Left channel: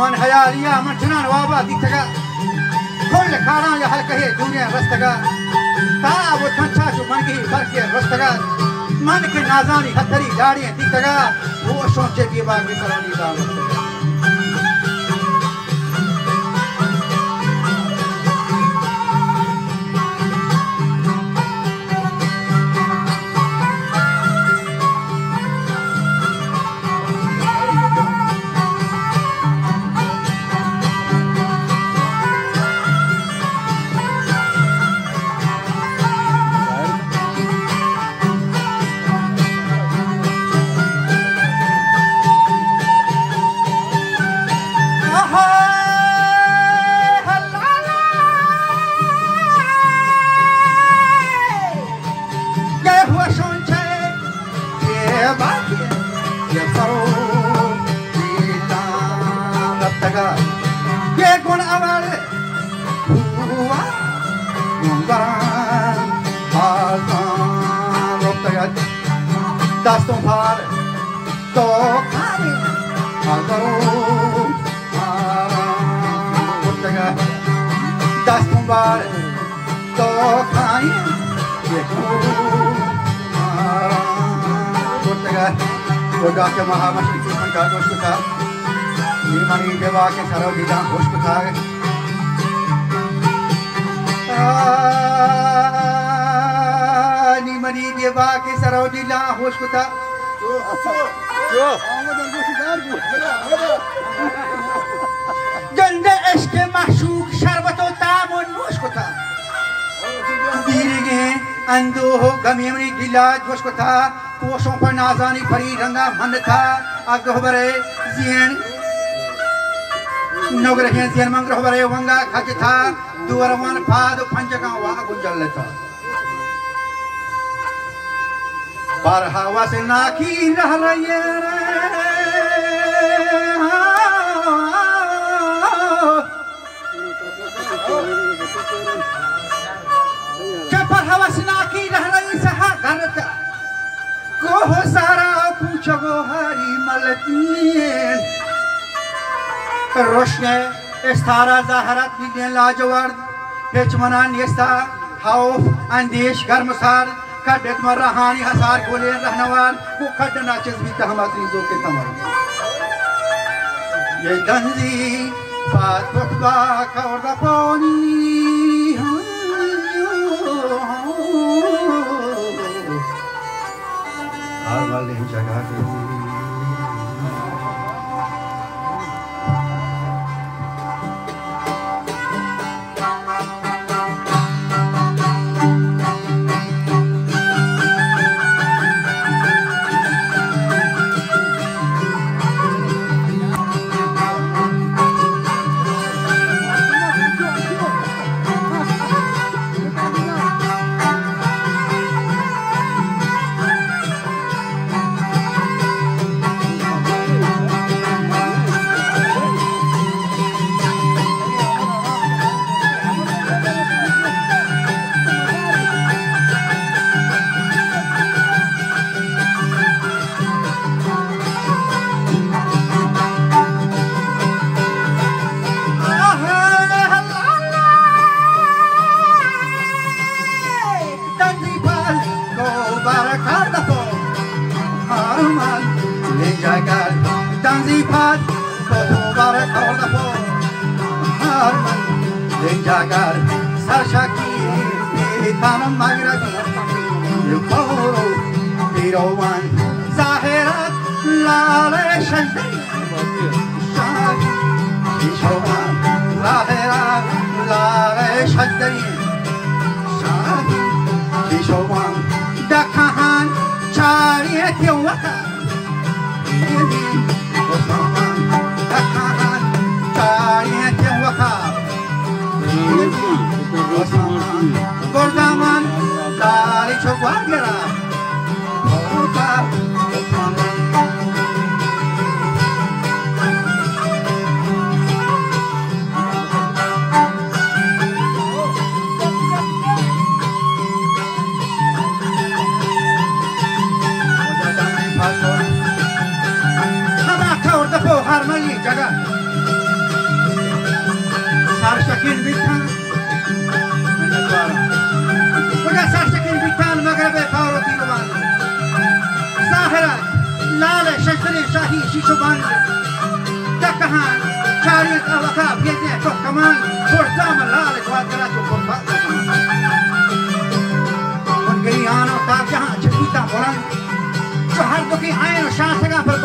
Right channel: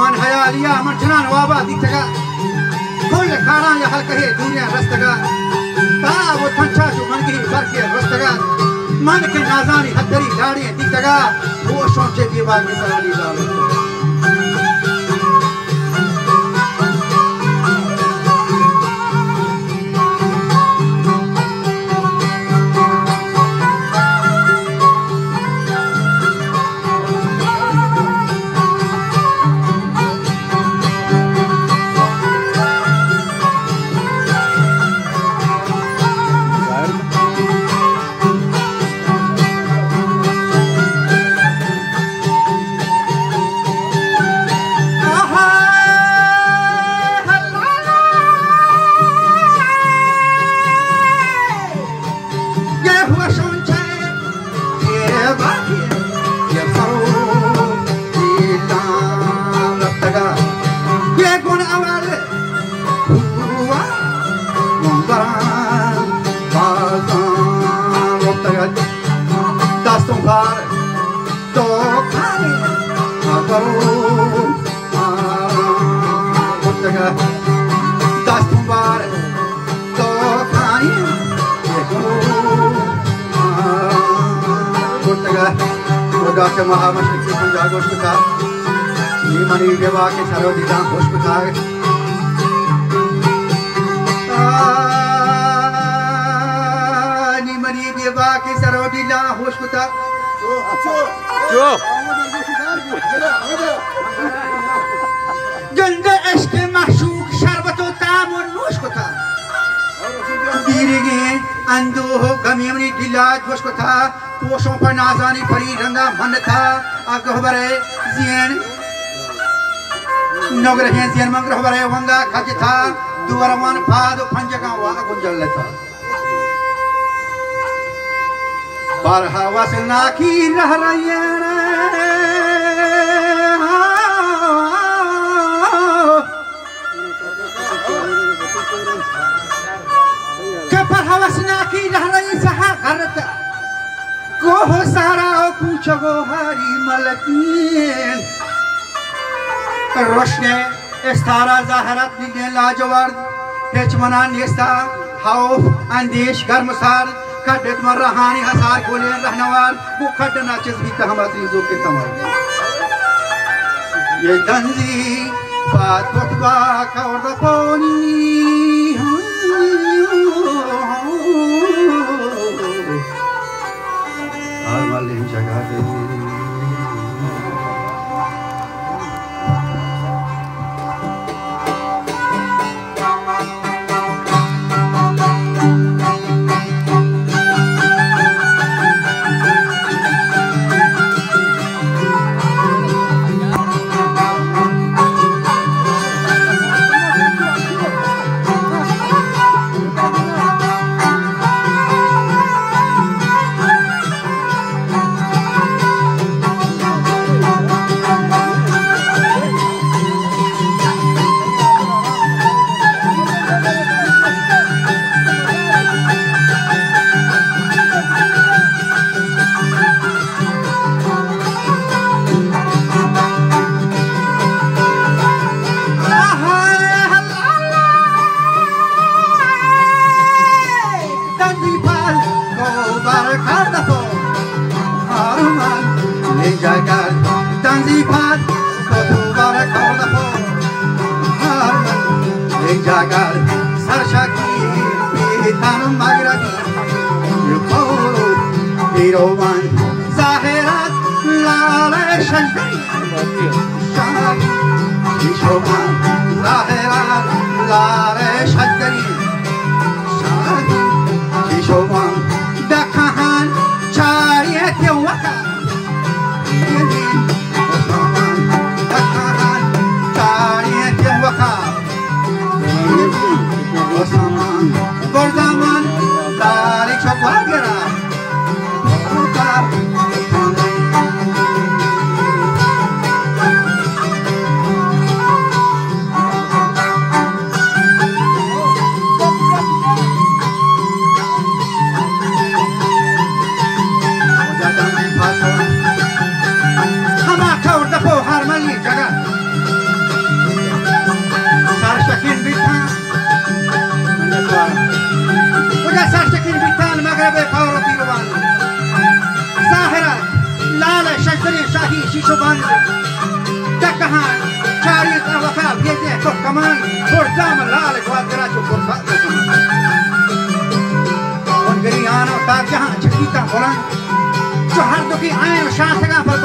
मन हयालिया मन ठनान वाबा दिखतगा फुल खाना या हल्का है दुनिया रस्तगा तारा वो ठंडा जो मन की बरके रस्तगा मन के नाजानी हथरी गाड़ियां दिखतगा वो सोचे की बात में सवाली डालो Ke Mahamashri Punjab Hospital, Nimani Deva ke Sarodila Hospital. Nimani Deva ke Sarodila Hospital. Janda eske mahshuk sharbato tamon hospital. Birige ando gamimni dilaj hospital. पोषों पर नाज़ानी परी रंगा मन था अगहबरे ज़ियन नगर हैं ज़ियन मंगर हबरे वंगा खच था दुवरमान फाद पंचका वाह गुंजल लेता बारहावा से नाकी रह रही है के पर हवा से नाकी रह रही सहा करता कोह सारा पूछो हरी मलकीन रोशने इस्तारा ज़ाहरत निकले लाजवाब हेचमना नेस्ता हाउफ अंदेश गर्मसार कड़क मर्राहानी हसार कोले रहनवार वो खड़ना चीज़ तहमत रीज़ों के तमर ये गंजी बात बतवा कौरदा पानी हर वाले जगह पे ही शीशो बंद कहाँ चारी तरफ भेजे तो कमान जाम लाल ग्वादरा जो गरीयानो का जहाँ छपीता बुलंद जो हर दुखी आए शासका पर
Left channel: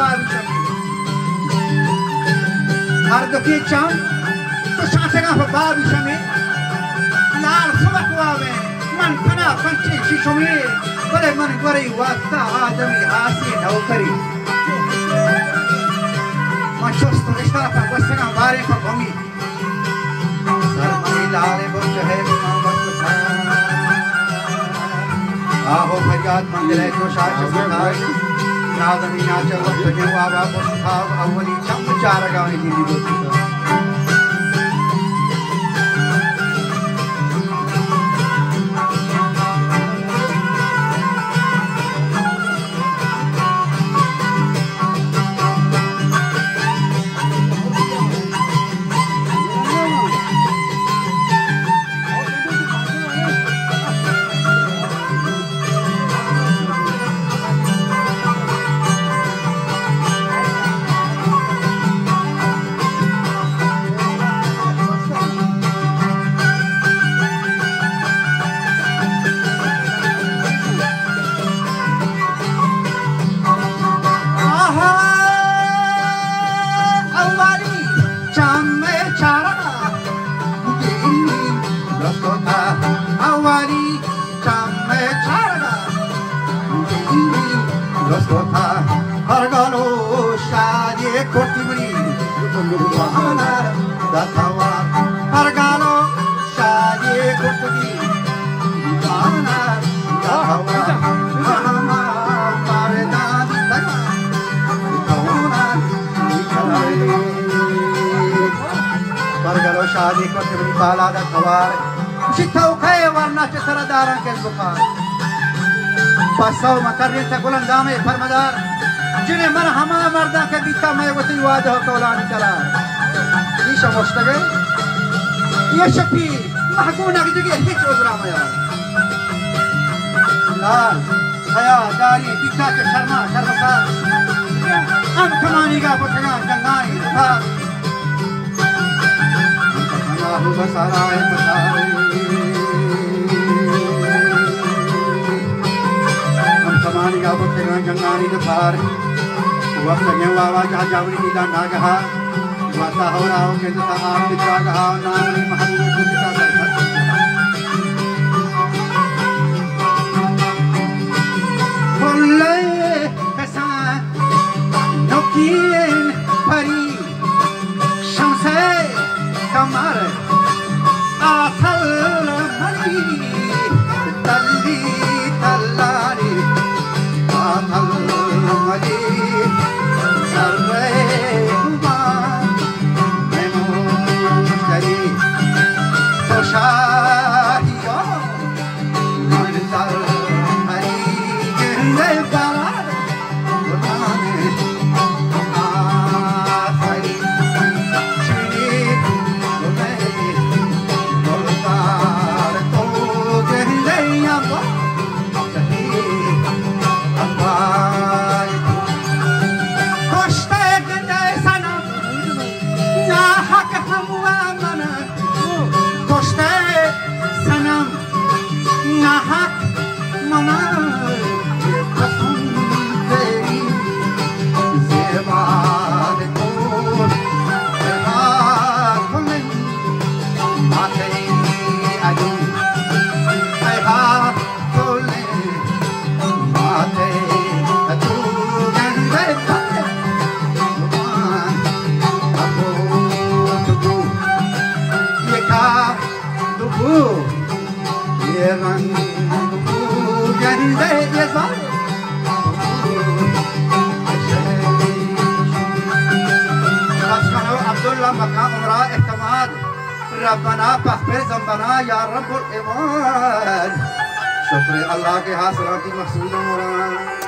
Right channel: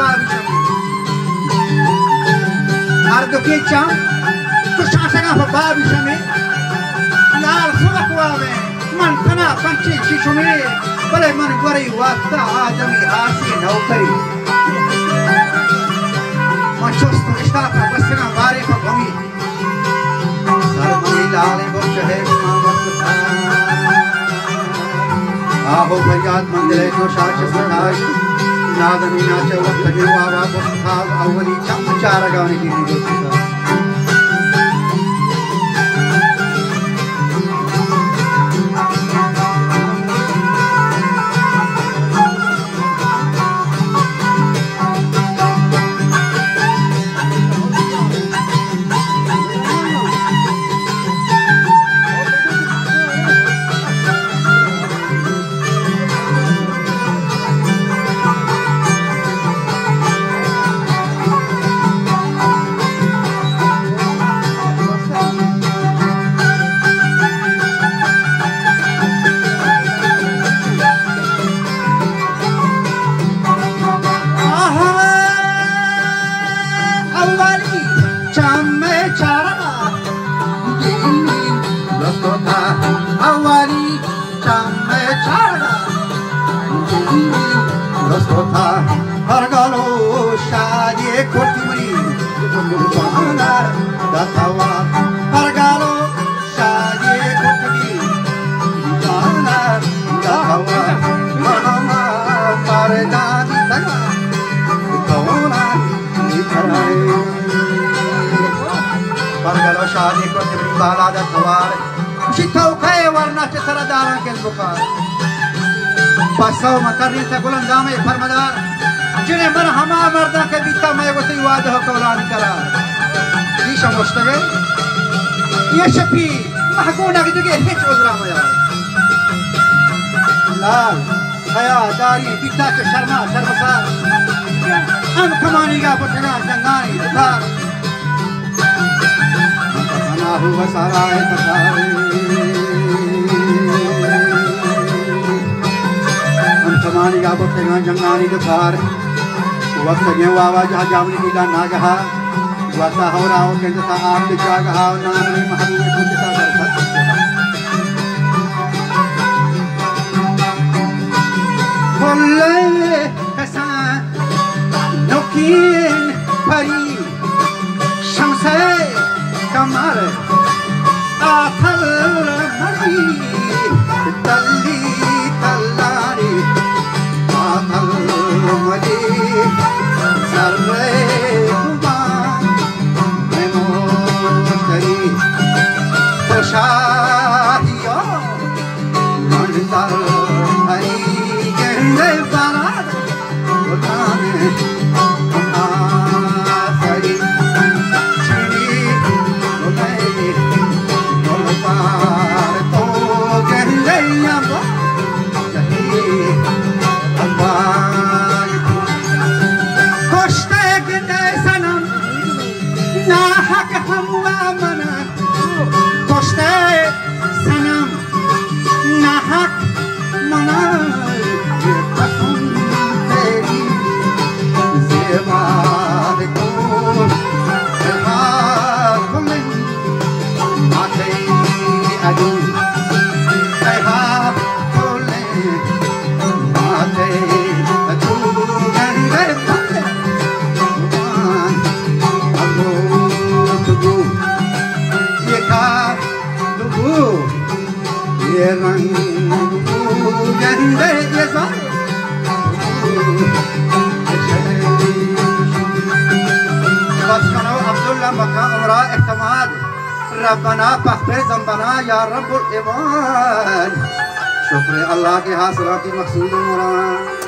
हर दुखी चाँद तो शासका पर बाविश में लाल सुबह में मन खना पंचे शीशो में बड़े मन गरी वास्ता आदमी आसी नौकरी मंचोस्तु इश्ताफ बस्तियाँ बारे पर भूमि सरकी लाले बुर्ज है आहो फरियाद मंदिर जो शादी सनाई नादनी नाचे वक्त ही वावा बुस्ता अवली चम चार गाने की वीडियो शादी को बाला दा खवार शिथौ खाए वरना के सरदारां के बुखार बसौ मकरने तक गुलंगामे फरमादार जिन्हें मन हमा मर्दा के बीता मैं वो ती वाद हो कौलानी करार ये समझते ये शफी महकूना की जगह हिच उजरा में लाल खया दारी बीता के शर्मा शर्मसार हम कमानी का पतंगा जंगाई उतार हुआ सारा है मसारे हम कमानी का बखेगा जंगानी दुखार वक्त ये वावा जहाँ जामनी मिला ना कहा वैसा हो रहा हो के जैसा आप दिखा कहा नाम नहीं महबूब को दिखा बरसा बोले ऐसा नौकीन परी शमसे कमर आथल मरी तल्ली तल्लारी आथल मरी सर्वे कुमार मेमोरी प्रशाहियो मंदर हरी गंगे बारात उठाने आसरी चीनी उठाने बोलबार तो गंगे याबो जही अबार कोष्टे गंगे सनम ना हक हुआ मना कोष्टे सनम ना हक मना ये कसम तेरी ज़ेबाद कोल ज़ेबाद कोलिन माथे अदू ज़ेबाद कोलिन माथे अदू गंगे कोले मुबान अबू दुबू ये का दुबू ये रंग दुबू गंगे ये ज़ार अब्दुल्ला मक्का उमरा इत्तमाद रब्बना पस्पे ज़म्बना या रब्बुल इबाद शुक्र अल्लाह के हासिलाती मकसूद मुराद